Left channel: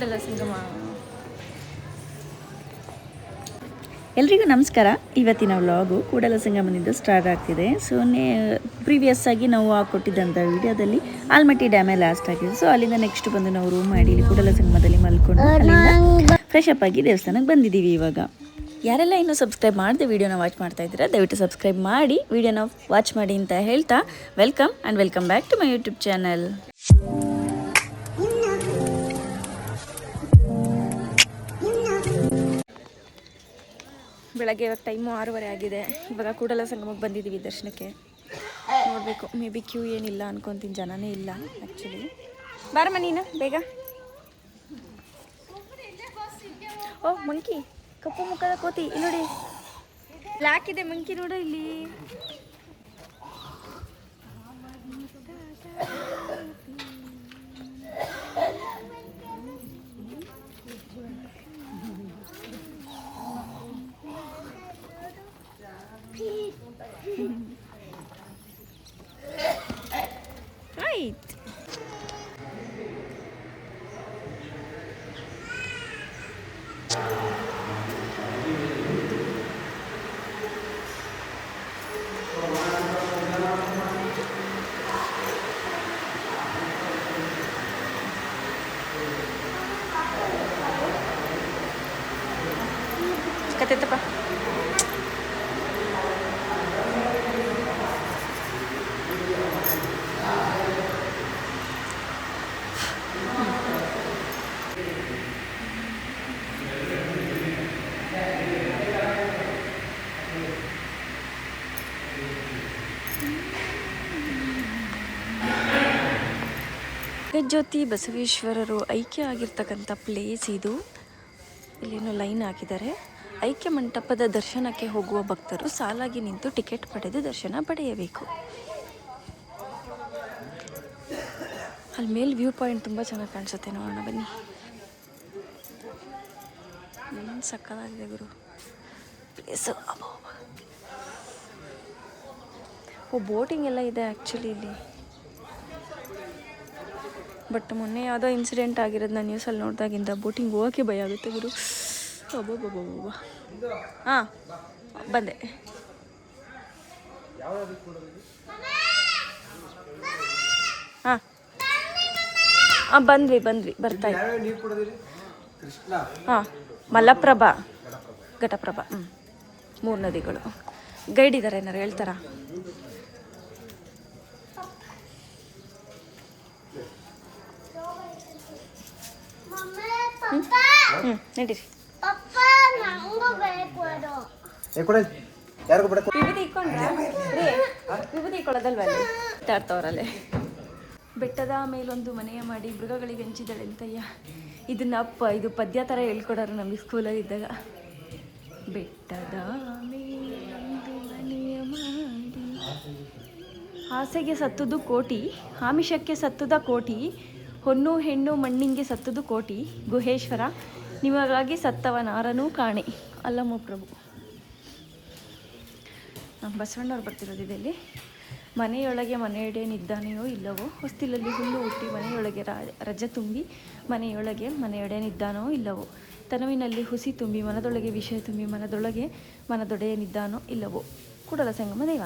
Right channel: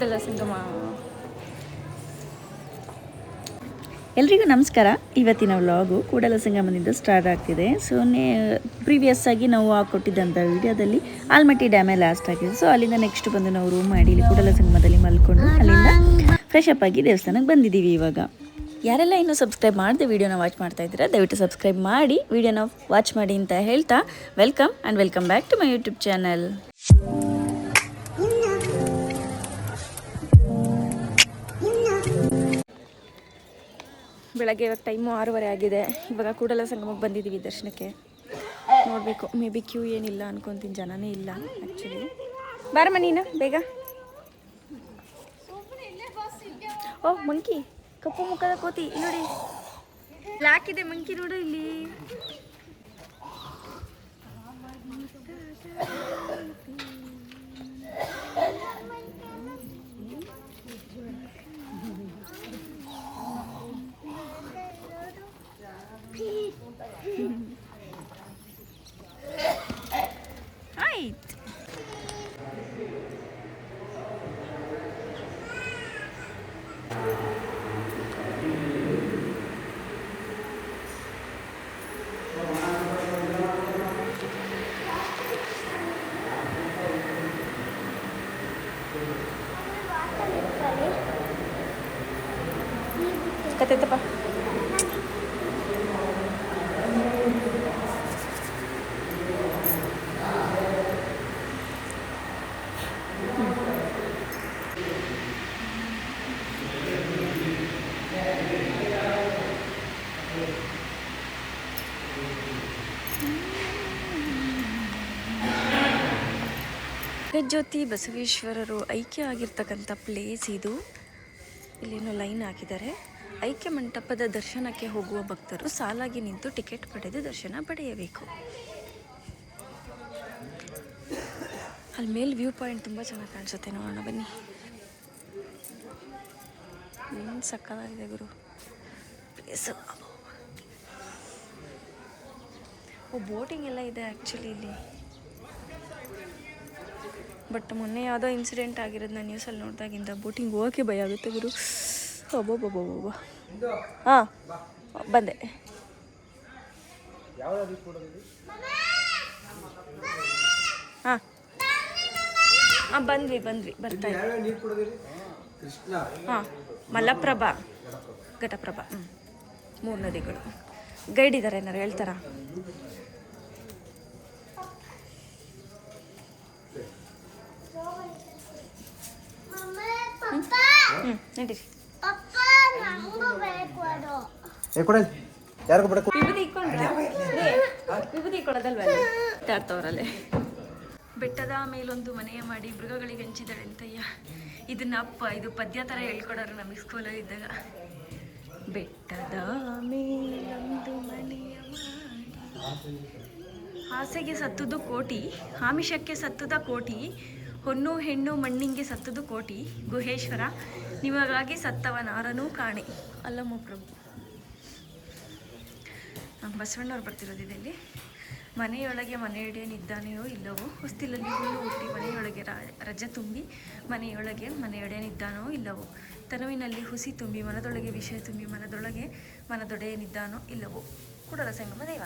ಕೂಡಲ ಸಂಗಮ. ಎಲ್ರಿಗೂ ನಮಸ್ಕಾರ. ಇವತ್ತಿನ ವ್ಲಾಗು ಕೂಡಲ ಸಂಗಮದಿಂದ ಸ್ಟಾರ್ಟ್ ಆಗ್ತಿದೆ. ಸೊ ಪ್ರೀವಿಯಸ್ ಆಗಿ ನಾವು ಕೊಟ್ಟಿದ್ದಂಥ ವಿಡಿಯೋದಲ್ಲಿ ಆಲ್ಮಟ್ಟಿ ಡ್ಯಾಮೇ ಲಾಸ್ಟ್ ಆಗಿದೆ. ಸೊ ಅಲ್ಲಿಂದ ನೆಕ್ಸ್ಟ್ ಬಂದು ನಾವು ರೂಮ್ ಮಾಡಿ ಇಲ್ಲಿ ಕೂಡಲ ಸಂಗಮದಲ್ಲಿ ಮಲ್ಕೊಂಡು ಅಲ್ಲಿಂದ ಫ್ರೆಶ್ ಅಪ್ ಆಗಿ ದೇವಸ್ಥಾನಕ್ಕೆ ಬಂದಿದ್ದೀವಿ. ಇವಾಗ ಯಾರೆಲ್ಲ ಇನ್ನೂ ಸಬ್ಸ್ಕ್ರೈಬ್ ಮಾಡದೆ ವಿಡಿಯೋನ ವಾಚ್ ಮಾಡ್ತಾ ಇದ್ದೀರಾ, ದಯವಿಟ್ಟು ಸಬ್ಸ್ಕ್ರೈಬ್ ಮಾಡಿ ವಿಡಿಯೋನ ವಾಚ್ ಮಾಡಿ ಅಂತ ಹೇಳ್ತಾ welcome and welcome back to my YouTube channel. ಬೆಳಗ್ಗೆ ಇವಾಗ ಟೈಮು 6:30 ಆಗಿದೆ. ಇವಾಗ ಕೂಡಲ ಸಂಗಮಕ್ಕೆ ಬಂದಿದ್ದೀವಿ ದರ್ಶನಕ್ಕೆ. ನೋಡಬೇಕು, ಮೇ ಬಿ ಕ್ಯೂ ಏನಿಲ್ಲ ಅನ್ಕೊತೀನಿ, ಜನನೇ ಇಲ್ಲ ಆ್ಯಕ್ಚುಲಿ. ಬಾರಮ್ಮ ನೀನು ಬೇಗ. ಓ ಮಂಕಿ, ಕಪ್ಪು ಮುಖದ ಕೋತಿ ಇಲ್ಲಿ ನೋಡಿ, ಬ್ಲ್ಯಾಕ್ ಇದೆ ಮಂಕಿ ನೋಡು ಇಲ್ಲಿ. ಕತೆತಪ್ಪ ಜಗಜ್ಯೋತಿ ಬಸವೇಶ್ವರರು ಐಕ್ಯ ಆಗಿರ್ತಕ್ಕಂಥ ಪ್ಲೇಸ್ ಇದು. ಇಲ್ಲೇನೋ ಲೈನ್ ಹಾಕಿದ್ದಾರೆ. ಐಕ್ಯ ಮಂಟಪದ ದರ್ಶನಕ್ಕೆ ಹೋಗುವ ಭಕ್ತರು ಸಾಲಾಗಿ ನಿಂತು ಟಿಕೆಟ್ ಪಡೆದು ದರ್ಶನ ಪಡೆಯಬೇಕು. ಅಲ್ಲಿ ಮೇಲೆ ವ್ಯೂ ಪಾಯಿಂಟ್ ತುಂಬ ಚೆನ್ನಾಗಿ ಕಾಣಿಸುತ್ತೆ, ನೋಡೋಣ ಬನ್ನಿ. ಏನು ಸಕ್ಕತ್ತಾಗಿದೆ ಗುರು ಪ್ಲೇಸು. ಓ ಬೋಟಿಂಗ್ ಎಲ್ಲ ಇದೆ ಆ್ಯಕ್ಚುಲಿ ಇಲ್ಲಿ. ಬಟ್ ಮೊನ್ನೆ ಯಾವುದೋ ಇನ್ಸಿಡೆಂಟ್ ಆಗಿರೋದು ನಾನು ನ್ಯೂಸಲ್ಲಿ ನೋಡಿದಾಗಿಂದ ಬೋಟಿಂಗ್ ಹೋಗೋಕ್ಕೆ ಭಯ ಆಗುತ್ತೆ ಗುರು. ಒಬ್ಬೊಬ್ಬೊಬ್ಬೊಬ್ಬ. ಹಾಂ ಬಂದೆ. ಹಾಂ ಬಂದ್ವಿ ಬರ್ತಾ ಇದ್ದೀವಿ. ಹಾಂ ಮಲಪ್ರಭಾ, ಘಟಪ್ರಭಾ, 3 ನದಿಗಳು. ಗೈಡ್ ಇದ್ದಾರೆ, ಏನಾರು ಹೇಳ್ತಾರಾ? ನಡೀರಿ. ವಿಭೂತಿ ಬೆಟ್ಟದ ಮೇಲೊಂದು ಮನೆಯ ಮಾಡಿ ಮೃಗಗಳಿಗೆ ಹಂಚಿದಳೆಂತಯ್ಯ. ಇದು ಪದ್ಯ ಥರ ಹೇಳ್ಕೊಡೋರು ನಮಗೆ ಸ್ಕೂಲಲ್ಲಿ ಇದ್ದಾಗ. ಬೆಟ್ಟದ ಮೇಲೊಂದು ಮನೆಯ ಮಾಡಿ, ಆಸೆಗೆ ಸತ್ತುದು ಕೋಟಿ, ಆಮಿಷಕ್ಕೆ ಸತ್ತುದ ಕೋಟಿ, ಹೊನ್ನು ಹೆಣ್ಣು ಮಣ್ಣಿಂಗೆ ಸತ್ತುದು ಕೋಟಿ, ಗುಹೇಶ್ವರ ನಿಮಗಾಗಿ ಸತ್ತವನಾರನೂ ಕಾಣಿ. ಅಲ್ಲಮ್ಮ ಪ್ರಭು. ಬಸವಣ್ಣವ್ರು ಬರ್ತಿರೋದು ಇಲ್ಲಿ. ಮನೆಯೊಳಗೆ ಮನೆಯೊಡೆಯನಿದ್ದಾನೆಯೋ ಇಲ್ಲವೋ, ಹೊಸ್ತಿಲಲ್ಲಿ ಹುಲ್ಲು ಹುಟ್ಟಿ ಮನೆಯೊಳಗೆ ರಜೆ ತುಂಬಿ, ಮನೆಯೊಳಗೆ ಮನೆಯೊಡೆಯನಿದ್ದಾನೋ ಇಲ್ಲವೋ, ತನುವಿನಲ್ಲಿ ಹುಸಿ ತುಂಬಿ ಮನದೊಳಗೆ ವಿಷಯ ತುಂಬಿ, ಮನದೊಳಗೆ ಮನದೊಡೆಯನಿದ್ದಾನೋ ಇಲ್ಲವೋ. ಕೂಡಲ ಸಂಗಮ ದೇವ.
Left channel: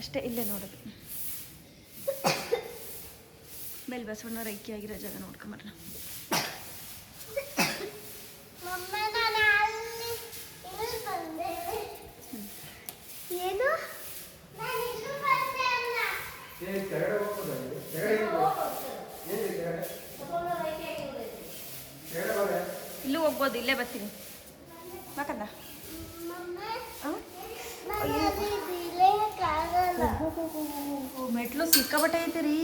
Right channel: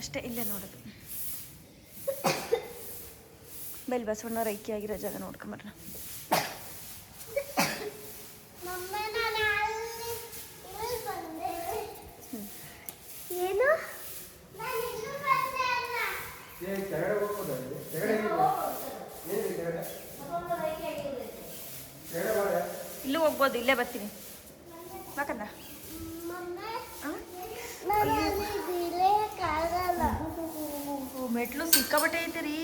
ಅಷ್ಟೇ, ಇಲ್ಲೇ ನೋಡೋದು. ಬೆಲ್ ಬಸವಣ್ಣವ್ರ ಐಕ್ಯ ಆಗಿರೋ ಜಾಗ ನೋಡ್ಕೊಂಬರೋಣ. ಇಲ್ಲೂ ಹೋಗ್ಬೋದು, ಇಲ್ಲೇ ಬರ್ತೀನಿ ಬಾಕಂದ. ಮೆಟ್ಲು ಸಿಕ್ಕಾಬಟ್ಟೆ ಐತಿರಿ,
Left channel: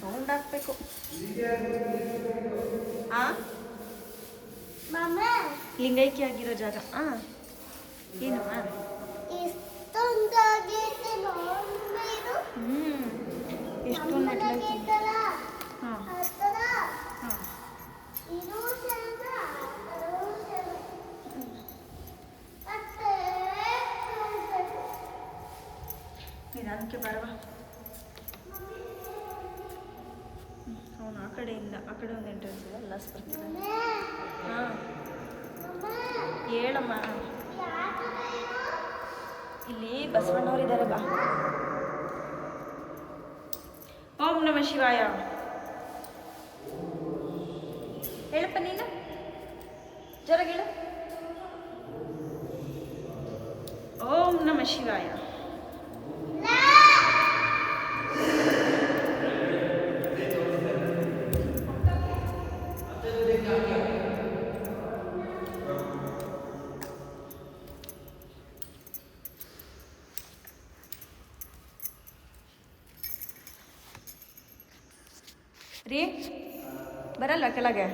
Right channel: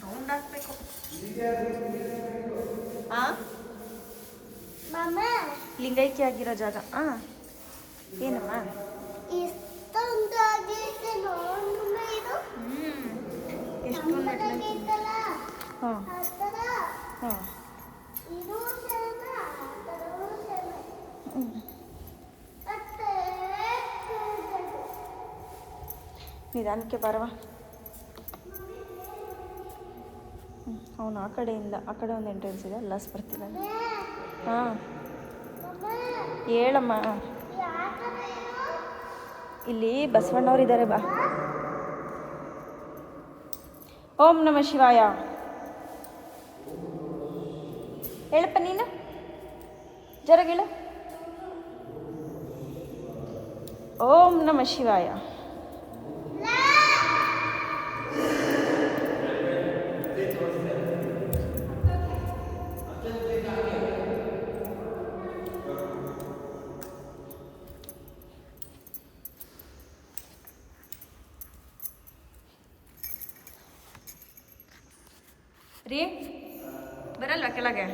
ರೌಂಡ್ ಹಾಕ್ಬೇಕು. ಲಿಂಗೈಕ್ಯ ಆಗಿರೋ ಜಾಗ. ಏನಮ್ಮ ಇಷ್ಟೊಂದು ಮೆಟ್ಲು ಹಾಂ ಹಾಂ ನಿಧಾನಕ್ಕೆ ಬರವಾ. ಅವನು ಆ ಕಡೆಯಿಂದ ಆ ಕಡೆ ಒಂದು ಎಂಟ್ರೆನ್ಸ್ ಇದೆ, ಎಲ್ಲ ಬರ್ತಿದ್ದಾರೆ. ಹಾಂ ಹೇಳಮ್ಮ, ಇಲ್ಲಿ ಬಸವಣ್ಣವ್ರು ಇದ್ದಾರೆ ಬಾ. ಓಂ ನಮ ಶಿವಾಯ ಹೇಳಪ್ಪ ನೀನು, ಜರಗೇಳು. ಓಂ ನಮ ಶಿವಾಯ. ರೀ ಬರಲ್ವಾ ಕೆಳಗೆ?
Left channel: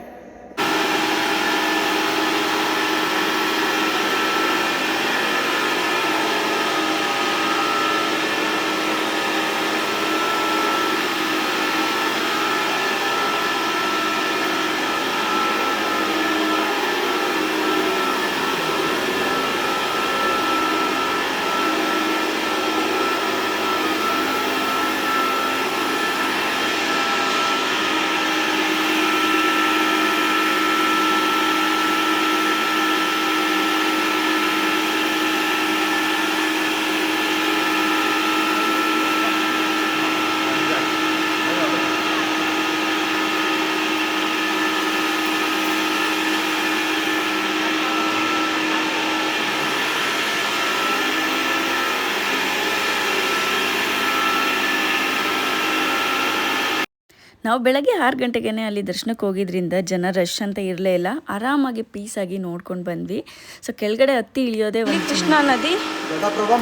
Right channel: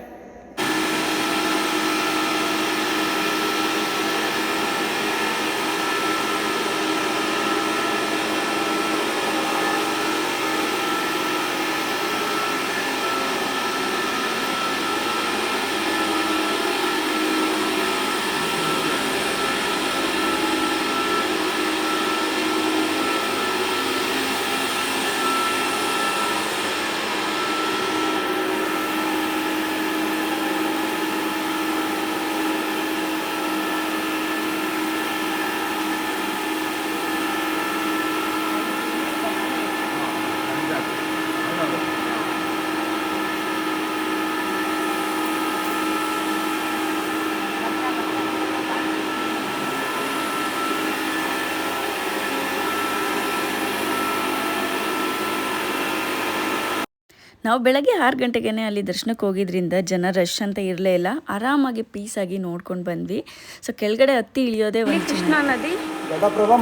ನಾವು ಬೆಳಗ್ಗೆ 6 ಗಂಟೆಗೆ ಅಲ್ಲಿ ದರ್ಶನಕ್ಕೆ ಹೋಗಿದ್ರಿಂದ ಜನ ರಶ್ ಅಂತ ಇರಲೇ ಇಲ್ಲ, ಆರಾಮಾಗಿ ಪೀಸಾಗಿ ನೋಡ್ಕೊಂಡು ಬಂದ್ವಿ. ಸೊ ಕೆಳಗಡೆ ಹತ್ತಿ ಇಳಿಯೋದೇ ಒಂದು ಕೃಷ್ಣಾ ನದಿ,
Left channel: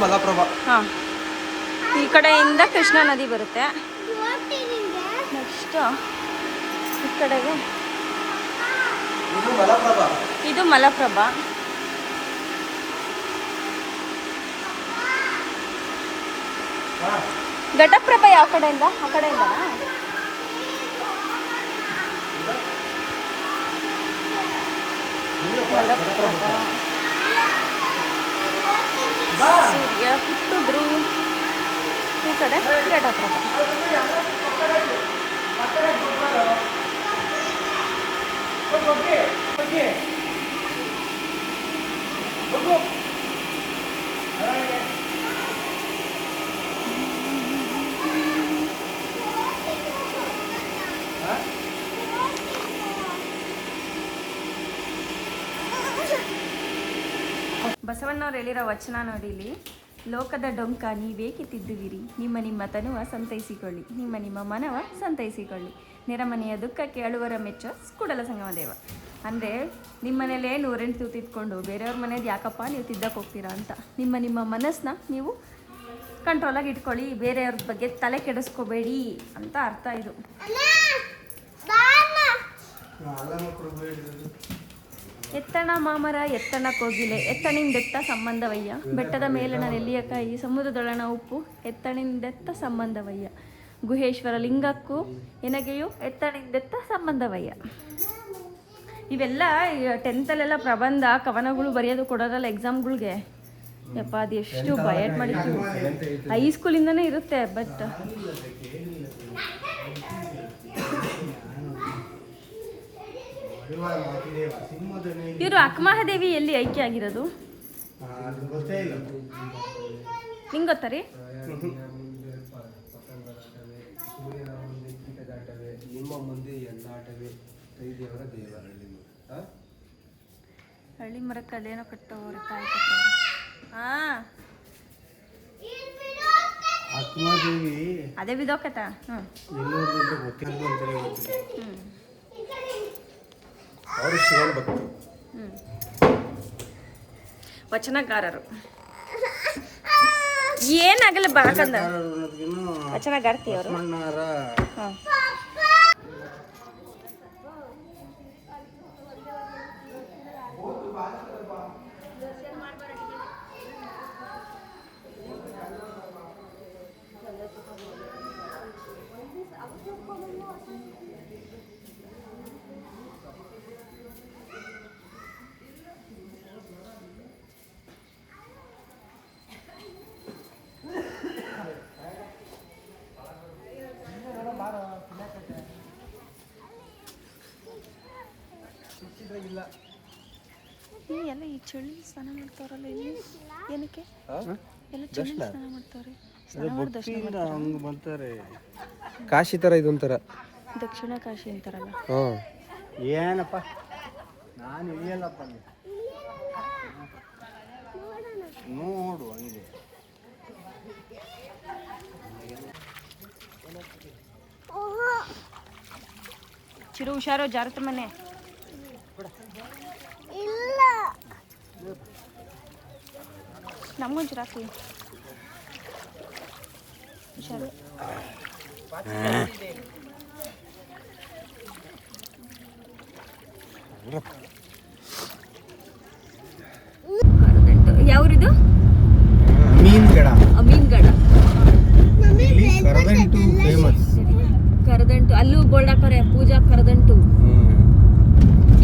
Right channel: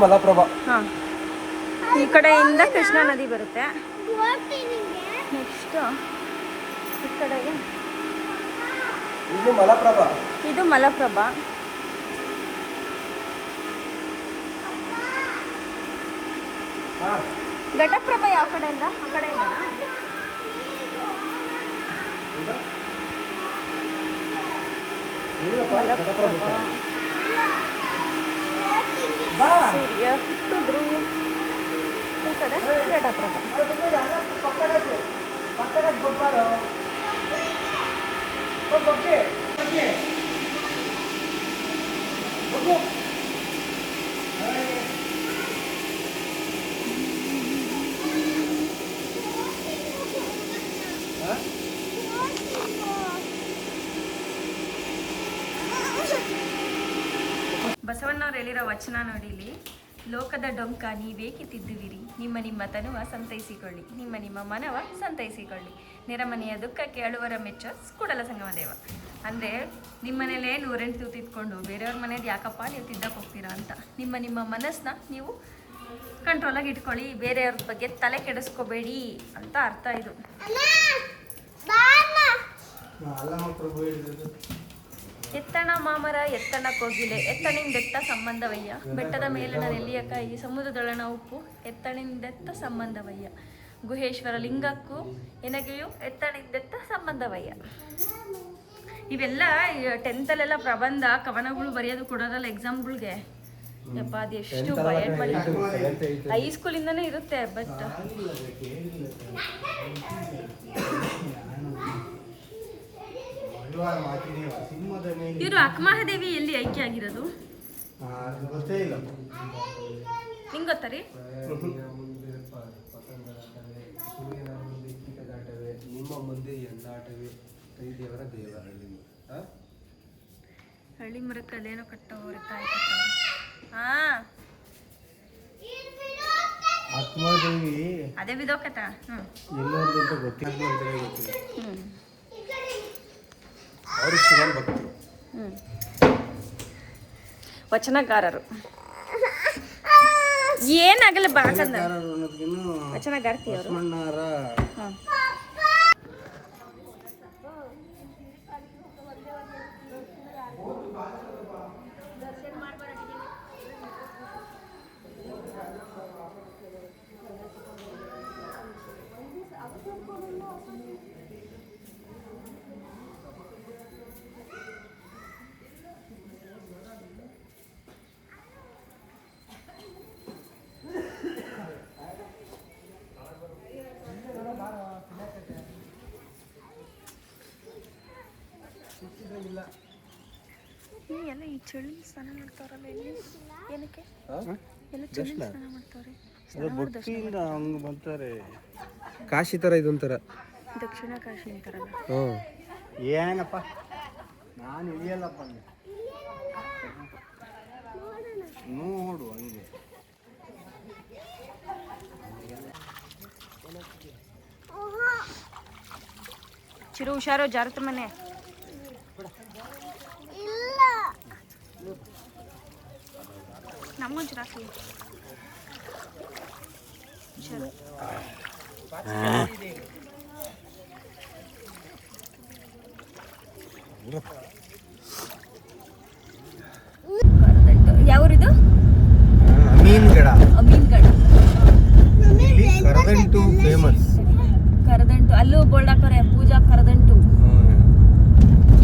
ಮಲಪ್ರಭಾ. ಹಾಂ, ಈ ಕಡೆಯಿಂದ ಕೃಷ್ಣಾ ನದಿ ಬರುತ್ತೆ. ನೆಕ್ಸ್ಟ್ ಈ ಕಡೆಗೆ ಇದು ಮಲಪ್ರಭಾ. ಘಟಪ್ರಭಾ ಯಾವ ಕಡೆಯಿಂದ? ಆ ಕಡೆಯಿಂದ ಸೂರ್ಯ ಹುಟ್ಟಿದ್ರು ಈ ಕಡೆ ಘಟಪ್ರಭಾ. ಬಸವಣ್ಣವ್ರು ಹೇಳಿರೋ ವಚನ ನೋಡಿ ಇಲ್ಲಿ, ಲೋಕದ ಡೊಂಕ ನೀವೇಕೆ ತಿದ್ದುವಿರಿ, ನಿಮ್ಮ ತನುವ ಸಂತೈಸಿಕೊಳ್ಳಿ, ನಿಮ್ಮ ಮನವ ಸಂತೈಸಿಕೊಳ್ಳಿ, ನೆರಮನೆಯ ದುಃಖಕ್ಕೆ ಅಳುವರ ಮೆಚ್ಚ ಕೂಡಲ ಸಂಗಮ ದೇವ. ಅಂದರೆ ನಿಮ್ಮ ಮನೇಲೇ 108 ತಿದ್ಕೊಂಡು ಬೇರೆಯವ್ರ ಮನೇದು ಯಾಕಪ್ಪ ನೀವು ತಿದ್ದಕ್ಕೆ ಹೋಗ್ತೀರಾ ಅಂತ ನಿಮ್ಮ ಮನಸ್ಸನ್ನ ನೀವು ಕಂಟ್ರೋಲಾಗಿ ಇಟ್ಕೊಳ್ಳಿ, ಬೇರೆಯವ್ರ ಬಗ್ಗೆ ತಲೆ ಕೆಡಿಸ್ಕೋಬೇಡಿ ಅಂತ ಅರ್ಥ ಇದು. ಎತ್ತಣ ಮಾಮರ ಎತ್ತಣ ಕೋಗಿಲೆ, ಎತ್ತಣಿಂದೆತ್ತ ಸಂಬಂಧವಯ್ಯ, ಬೆಟ್ಟದ ಮೇಲಣ ನೆಲ್ಲಿಯ ಕಾಯಿ, ಸಮುದ್ರದೊಳಣ ಉಪ್ಪು, ಎತ್ತಣಿಂದೆತ್ತ ಸಂಬಂಧವಯ್ಯ, ಗುಹೇಶ್ವರ ಲಿಂಗಕ್ಕೂ ಎನಗೆಯೂ ಎತ್ತಣಿಂದೆತ್ತ ಸಂಬಂಧವಯ್ಯ. ಇವೆಲ್ಲ 10th ಪ್ರಬಂಧ ಕವನಗಳು ಬರೆಯೋದು ಕೊಡೋದಲ್ಲ ಎಕ್ಸಾಮ್ಗಳಿಗೆ. ಯಪ್ಪ ಅದು ಎಷ್ಟು ಬಯಟ್ ಮಾಡಿ, ಹೈಸ್ಕೂಲಿಂದನೇ ಇರುತ್ತೆ. ಬಟ್ ಇವರು ಅಕ್ಕಮಹಾದೇವಿ ಎಲ್ಲಿ ಐಕ್ಯ ಆಗಿರೋದು ನಿಂಗೆ ಗೊತ್ತಾ ರೀ? ನಿಮ್ಮ ಮುಂದೆ ಎಂದಾಟವೇ ಕೈದೇವರ ದೇವ ಹಳ್ಳಿ ಮರಕ್ಕೆ ಅದೇನೋ ಕಟ್ಟೋರು ಕಾಯಿ ಕಟ್ಟೋರು. ಹಾಂ ಅದೇ ಬಿದೋಕತ್ತ. ಅವರು ಶಿವನ್ ಭಕ್ತರು, ವಚನಕಾರರು. ಏನಾಗಲ್ಲ ಬಾಕಂದ ವಚನಗಾರ್ತಿ ಅವರು. ಹಾಂ ಎಲ್ಲ ಈ ಚಳಿ ಸ್ನಾನ ಮಾಡ್ತಾರಲ್ಲ ಇಲ್ಲಿ ಏನಕ್ಕೆ ಎಲ್ಲ ಚಳಿ ಸ್ನಾನ ಮಾಡ್ತಾರೆ ಸ್ನಾನ ಮಾಡಿ ದರ್ಶನ ಮಾಡ್ತಾರೆ. ಕಾಶಿ ಥರ ಇದೊಂಥರ. ದಕ್ಷಿಣ ಕಾಶಿ ಅಂತಾರಲ್ಲ. ಹಾಂ ಏನಪ್ಪ ನಾನು ಇಳಿಯಲ್ಲಪ್ಪ ನೋಡು ಹಂಗೆ. ಚಿರು ಹುಷಾರು ಜಾರತ ಮನೆ. ನಮಗೊಂಚೂರು ಹಾಕಿ ಹುಷಾರು. ಯಾವ್ರಿದು? ಮೀನ್ಗಡ. ಮೀನ್ಗಡ. ಕರದಂಟು ಫೇಮಸ್. ಕರದಂಟು ಅಲ್ಲೂ ಬೋಲ್ಡ್ ಹಾಕೋರೆ ಪೂಜಾ ಕರದಂಟು.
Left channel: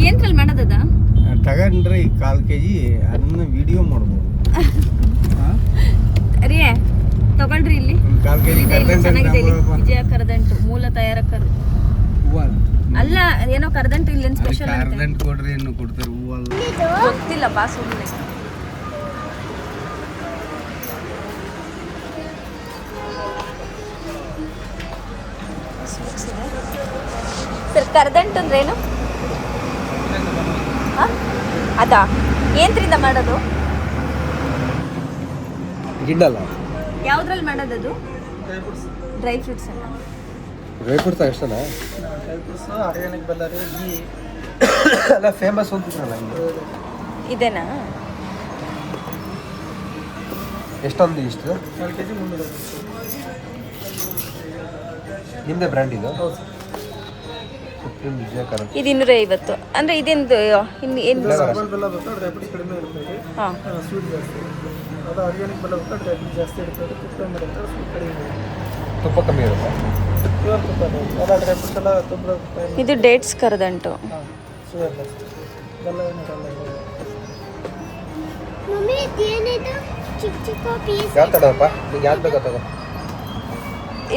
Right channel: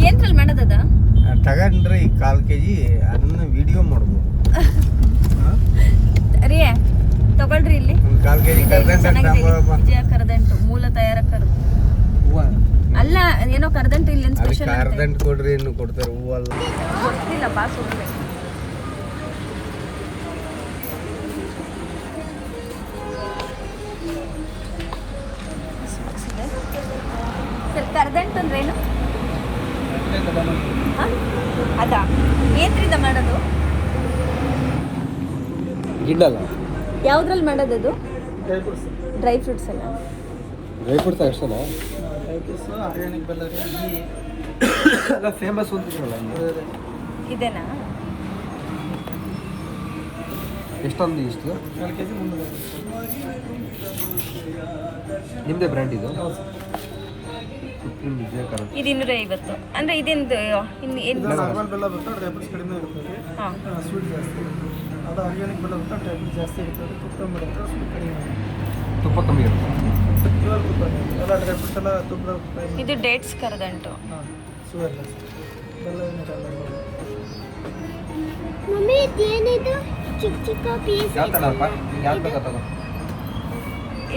ಏನ್ರಲ್ಲಿ ಮಾಡೋದದ? ತಗೊಂಡ್ರೆ ಈ 1/4 kg ಅದನ್ನ ವಿಡಿಯೋ ಮಾಡ್ಬೋದು. ರೀ ತಗೊಳ್ರಿ ಇಲ್ಲಿ 1/4 kg ಚೆನ್ನಾಗಿದೆ ವಿಜಯ ಕರದಂಟು ಮೂಲ ತಯಾರಕರು. ಅಲ್ಲ ಏನೋ ಕರದಂಟು ಇಲ್ಲಿ ಸ್ಪೆಷಲ್ ಕರದಂಟು ಕೊಡ್ರಿ ಇನ್ನು ಕೊಡ್ತಾರೆ ಹೂವಲ್ಲ ಗೊತ್ತಿಲ್ಲ ಬಾ ಸುಮ್ಮನೆ. ಸರ್ ಕರದಂಟು ಅಂದ್ರೆ ಏನು? ಅದಾ ಏನ್ರಿಂದ ಮಾಡೋದು? ಗಿಡ್ಡಲ್ಲ ಯಾವ್ದ್ರಲ್ಲಿ ಮಾಡೋದು ಅದು? ಡ್ರೈ ಫ್ರೂಟ್ಸ್ ಅಲ್ಲ. ಡ್ರೈ ಫ್ರೂಟ್ಸ್ ಅಷ್ಟಲ್ಲ ಡ್ರೈ ಫ್ರೂಟ್ಸ್ ಆರ್ಗ್ಯಾನಿಕ್ ಬಳ್ಳಾರಿ ಎಲ್ಲ ಫೇಮಸ್ ಅಂತ ಇದೇನಾ? ಎಷ್ಟೊಂದು ಇಷ್ಟು 4 kg 300. ನಿಮ್ಮದೇ ಬ್ರ್ಯಾಂಡ್ ಇದು? ಇದು 250. ಅಂದರೆ ಇದೆಂದು ನಾರ್ಮಲ್ ಬೆಲ್ಲ ಬೇಕಾದ್ರೆ ಡ್ರೈ ಫ್ರೂಟ್ಸ್ ಕಡಿಮೆ ಇರ್ತದೆ, ಹಾಂ ಸ್ವೀಟ್ ಜಾಸ್ತಿ ಇರುತ್ತೆ. ಅದು ಆರ್ಗ್ಯಾನಿಕ್ ಬೆಲ್ಲ ಬೇಕಾದ್ರೆ ಡ್ರೈ ಫ್ರೂಟ್ಸ್ ಜಾಸ್ತಿ ಇರ್ತದೆ, ತುಪ್ಪ ಬೇಕಾದ್ರೆ ಸ್ವೀಟ್ ಕಡಿಮೆ ಇರುತ್ತೆ. ತುಪ್ಪ ಕಮ್ಮಿ ಇರುತ್ತೆ. ಪ್ಯೂರ್ ತುಪ್ಪ ಎಲ್ಲ ಡ್ರೈ ಫ್ರೂಟ್ಸ್ ಎಲ್ಲ ತುಪ್ಪ. ಇದು ಡೇಟ್ಸ್ ಕರದಂಟು. ಹಾಂ ಶುಗರ್ ಲೆಸ್, ಬೆಲ್ಲ ಏನಿರಲ್ಲ. ಮಮ್ಮಿ ಇದೇನಿದು ಚಿಕ್ಕ ಚಿಕ್ಕ ಪೀಸ್? ಯಾವ ತಡಪ್ಪ ಈಗ ಯಾವ್ದು ಬೇಕಾ ತಗೋ.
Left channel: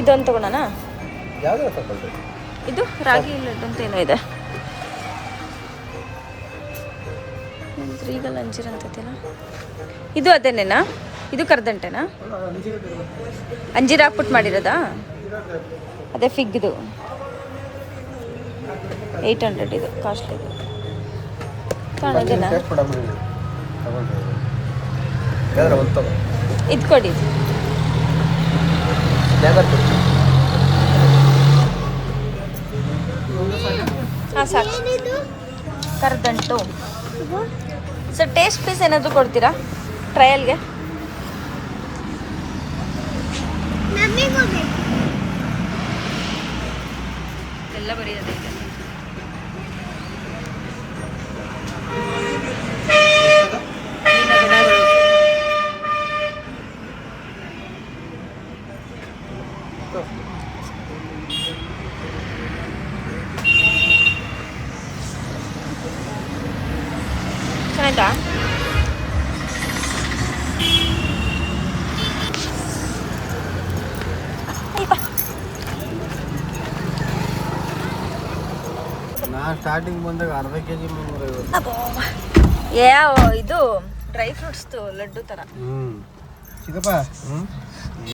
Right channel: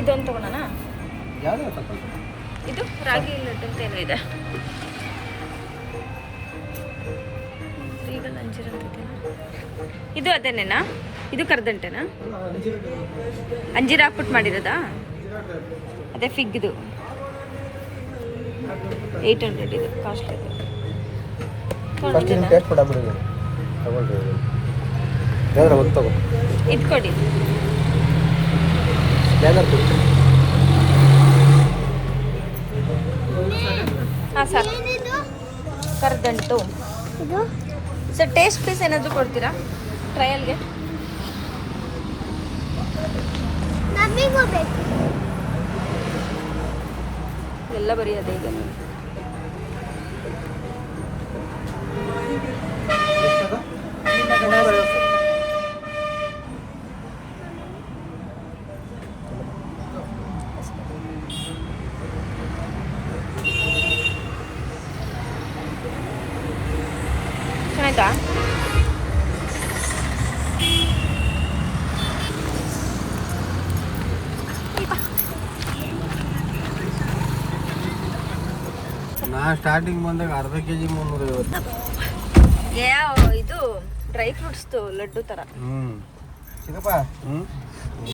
ಇದೊಂದು ತಗೊಳ್ಳೋಣ. ಯಾವ್ದು ತಗೊಳ್ಳಿ. ಇದು ರಾಗಿ ಲಡ್ಡು ಅಂತ ಏನೋ ಇದೆ. ರೀಗಲ್ ಅಂಜೀರ್ ಅಂತೈತೇನ ಇದು? ಅದೇನೇನಾ ಇದು? ಕರದಂಟೆನಾ? ಅಂಜೀರ್ ಹಾಕ್ಬಿಟ್ಟು ಮಾಡಿರೋದಾ? ಅದೇ ಫಿಗ್ದು 800 ಇದು ಕಾಸ್ಟ್ಲಿ. ತಗೊಳ್ಳೋದೇನಾ? ಟೇಸ್ಟ್ ಕೊಡಬಿಡಿ ತಗೊಳ್ರಿ. ಯಾವ್ದಾರ ಒಂದು ತಗೋ. ಇದು ಕೊಡಿ. ಸ್ಕ್ಯಾನರ್ ಕೊಡಿ. ಹಾಂ ಸಾಕು. ಕರದಂಟು ಸರ್ ಟೇಸ್ಟ್ ಪೀಸ್ ಏನಾದರೂ ಕೊಡ್ತೀರಾ ಟ್ರಯಲ್ಗೆ? ಎಲ್ಲ ಬರೀ ಅದೇ ಇದೆ. ಚೆನ್ನಾಯ್ತಾ? ನಾನು ಸ್ಟಾರ್ಟಿಂಗ್ ಬಂದಾಗ ಅರ್ಧ kg 350. ಯಾವ ಇದು ಡ್ರೈ ಫ್ರೂಟ್ಸ್ದು ಲಡ್ಡು ಥರ. ಚಿಕ್ಕಪ್ಪ